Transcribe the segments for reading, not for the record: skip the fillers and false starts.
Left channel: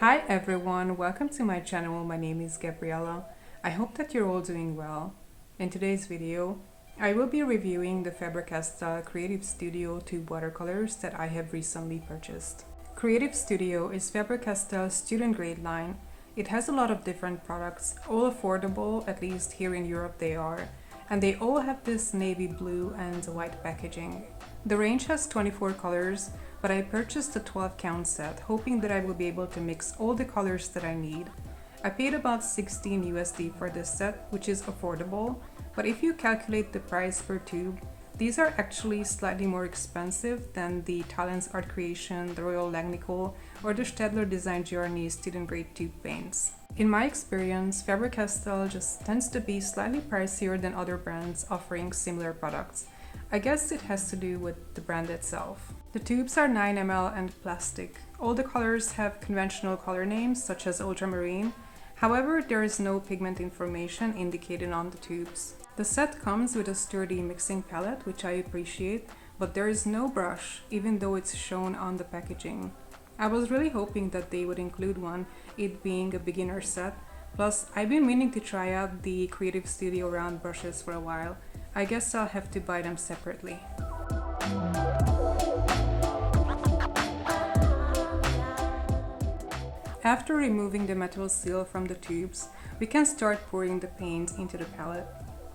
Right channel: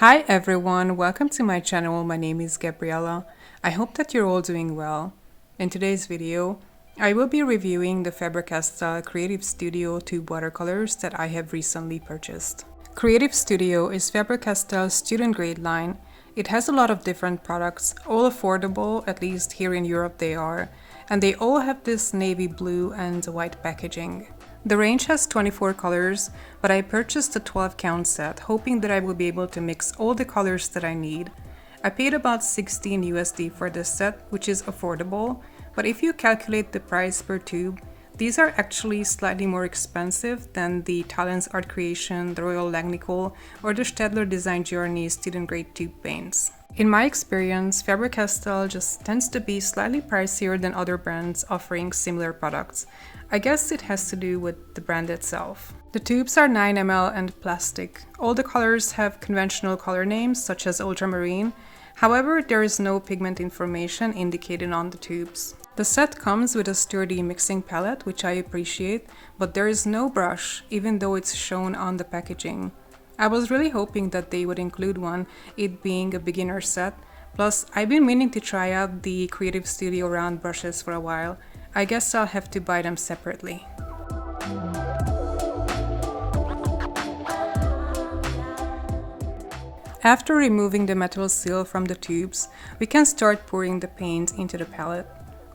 Hi everyone, welcome to my channel. My name is Gabriella. I hope that you're all doing well. In today's video, I will be reviewing the Faber Castell Creative Studio tube watercolors that I have recently purchased. Creative Studio is Faber Castell's student grade line. It has a lot of different products, all affordable, at least here in Europe they are, and they all have this navy blue and white packaging. The range has 24 colors, but I purchased a 12 count set, hoping that I will be able to mix all the colors that I need. I paid about 16 USD for this set, which is affordable, but if you calculate the price per tube, these are actually slightly more expensive than the Talens Art Creation, the Royal Langnickel, or the Staedtler Design Journey student grade tube paints. In my experience, Faber Castell just tends to be slightly pricier than other brands offering similar products. I guess it has to do with the brand itself. The tubes are 9 ml and plastic. All the colors have conventional color names such as ultramarine. However, there is no pigment information indicated on the tubes. The set comes with a sturdy mixing palette, which I appreciate, but there is no brush, even though it's shown on the packaging. I was really hoping that they would include one, it being a beginner set. Plus, I've been meaning to try out the Creative Studio round brushes for a while. I guess I'll have to buy them separately. After removing the metal seal from the tubes, we can start pouring the paint into the palette.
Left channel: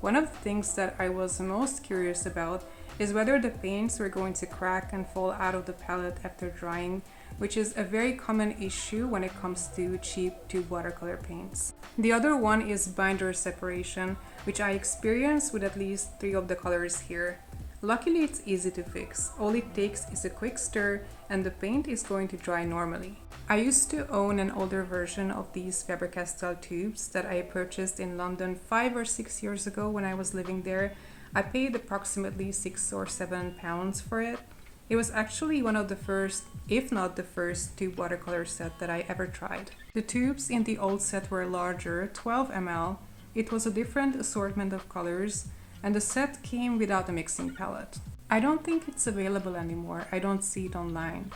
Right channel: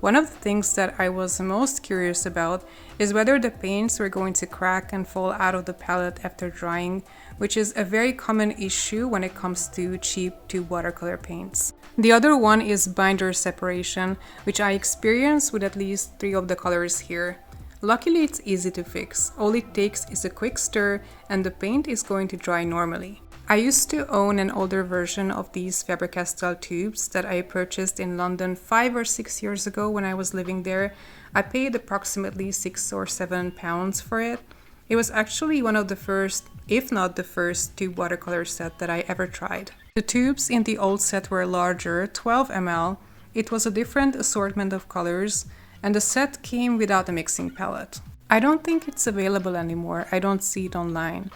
One of the things that I was most curious about is whether the paints were going to crack and fall out of the palette after drying, which is a very common issue when it comes to cheap tube watercolor paints. The other one is binder separation, which I experienced with at least 3 of the colors here. Luckily, it's easy to fix. All it takes is a quick stir and the paint is going to dry normally. I used to own an older version of these Faber Castell tubes that I purchased in London 5 or 6 years ago when I was living there. I paid approximately £6 or £7 for it. It was actually one of the first, if not the first, tube watercolor set that I ever tried. The tubes in the old set were larger, 12 ml. It was a different assortment of colors, and the set came without a mixing palette. I don't think it's available anymore. I don't see it online.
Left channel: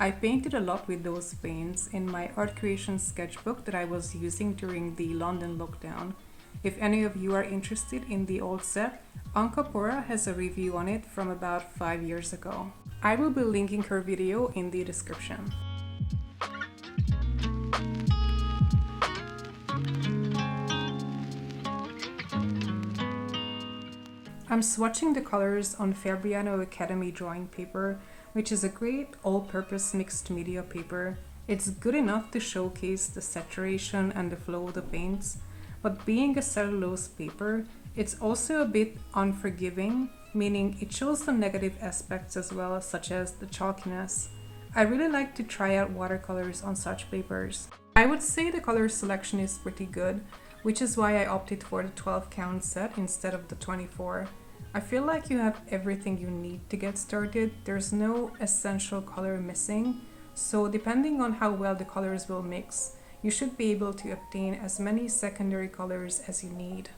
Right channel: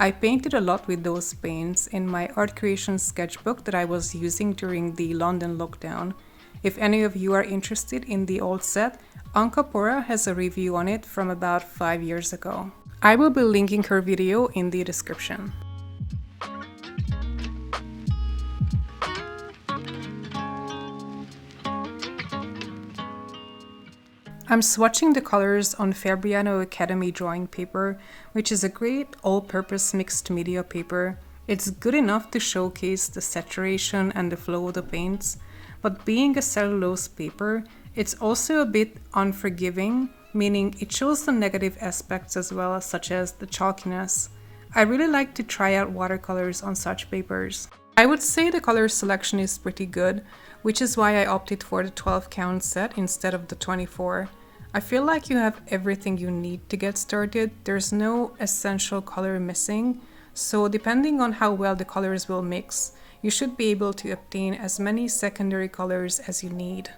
I painted a lot with those paints in my art creation sketchbook that I was using during the London lockdown. If any of you are interested in the old set, Ankapora has a review on it from about 5 years ago. I will be linking her video in the description. I'm swatching the colors on Fabriano Academy drawing paper, which is a great all-purpose mixed media paper. It's good enough to showcase the saturation and the flow of the paints, but being a cellulose paper, it's also a bit unforgiving, meaning it shows the negative aspects as well, such as the chalkiness. I really like to try out watercolors on such papers. I would say the color selection is pretty good, which is why I opted for the 12 count set instead of the 24. I feel like you have everything you need to get started. There's no essential color missing, so depending on how well the colors will mix, you should be able to obtain as many secondary colors as you need.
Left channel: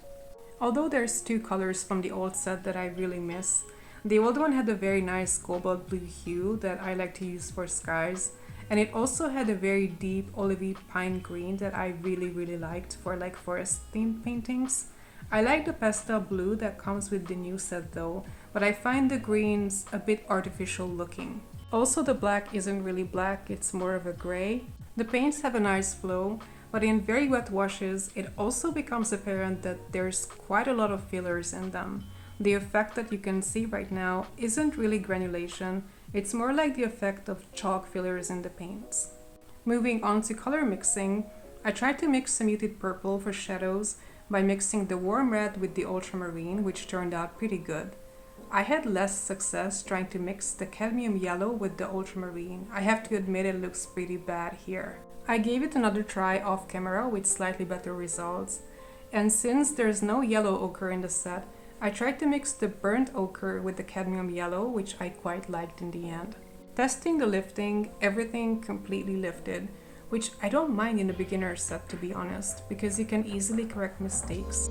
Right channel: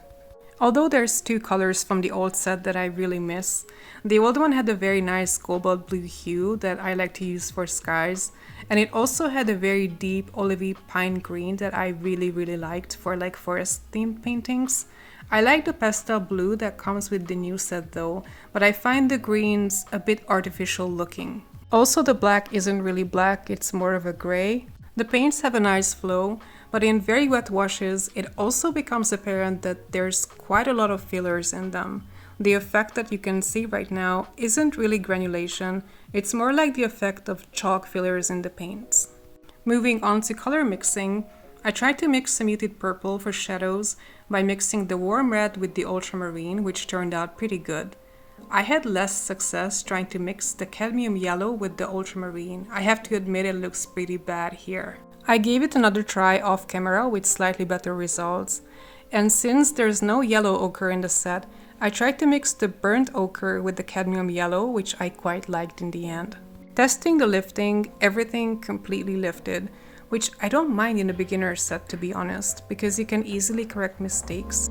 Although there's 2 colors from the old set that I really miss, the old one had a very nice cobalt blue hue that I like to use for skies, and it also had a very deep olivey pine green that I really liked for like forest themed paintings. I like the pastel blue that comes with the new set though, but I find the greens a bit artificial looking. Also, the black isn't really black, it's more of a gray. The paints have a nice flow, but in very wet washes, it also becomes apparent that there's quite a lot of fillers in them. The effect that you can see right now isn't really granulation, it's more like the effect of chalk fillers in the paints. Moving on to color mixing, I tried to mix a muted purple for shadows by mixing the warm red with the ultramarine, which turned out pretty good. I had less success trying to mix the cadmium yellow with the ultramarine. I have to admit it looks pretty bad here. I gave it another try off camera with slightly better results. And since there's no yellow ochre in the set, I tried to mix the burnt ochre with the cadmium yellow, which I quite liked in the end. Testing the lifting, everything completely lifted, which I don't mind in a beginner set to be honest, because you can easily correct mistakes.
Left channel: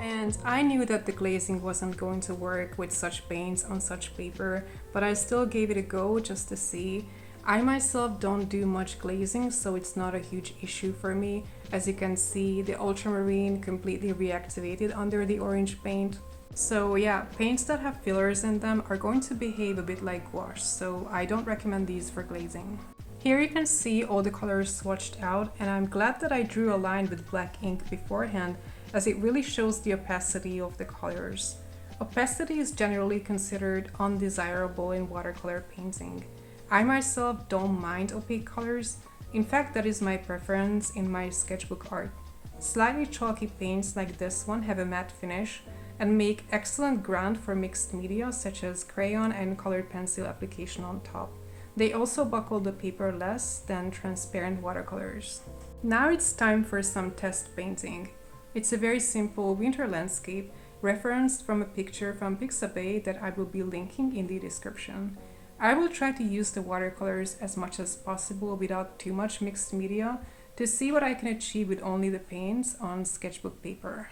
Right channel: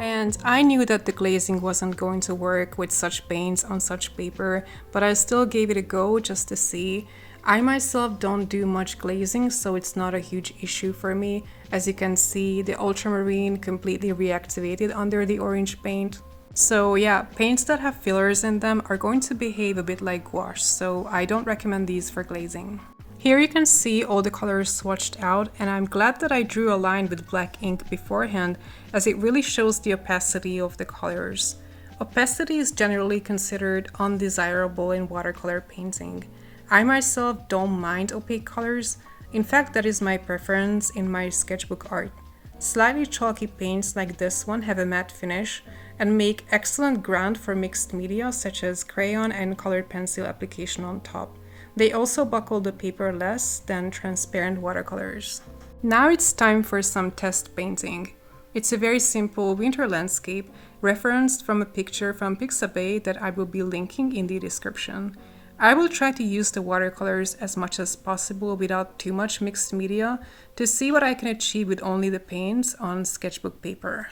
I And I knew that the glazing wasn't going to work with such paints on such paper, but I still gave it a go just to see. I myself don't do much glazing, so it's not a huge issue for me. As you can see, the ultramarine completely reactivated under the orange paint. So yeah, paints that have fillers in them are going to behave a bit like gouache, so I don't recommend these for glazing. Here you can see all the colors swatched out, and I'm glad that I drew a line with black ink beforehand, as it really shows the opacity of the colors. Opacity is generally considered undesirable in watercolor painting. I myself don't mind opaque colors. In fact, that is my preference in my sketchbook art. Slightly chalky paints like this one have a matte finish and make excellent ground for mixed media such as crayon and colored pencil application on top. They also buckle the paper less than transparent watercolors. Now it's time for some test painting. It's a very simple winter landscape referenced from a picture from Pixabay that I will be linking in the description. I will try to use the watercolors as much as possible without too much mixed media to see what I can achieve with only the paints on sketchbook paper.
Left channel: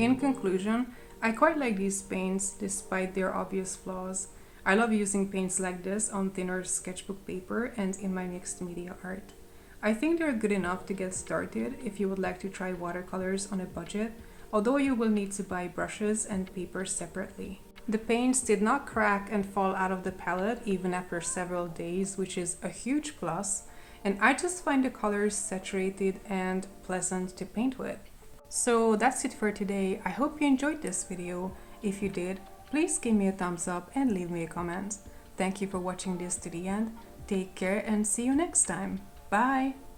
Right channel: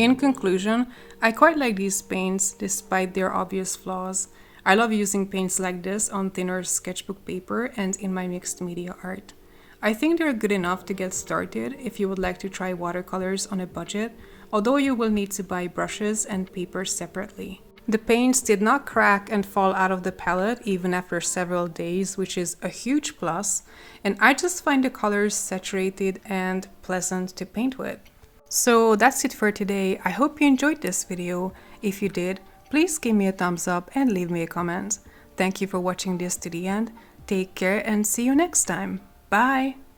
In conclusion, I quite like these paints despite their obvious flaws. I love using paints like this on thinner sketchbook paper and in my mixed media art. I think they're good enough to get started if you would like to try watercolors on a budget, although you will need to buy brushes and paper separately. The paints did not crack and fall out of the palette even after several days, which is a huge plus, and I just find the colors saturated and pleasant to paint with. So that's it for today. I hope you enjoyed this video. If you did, please give me a thumbs up and leave me a comment. Thank you for watching this to the end. Take care and see you next time. Bye!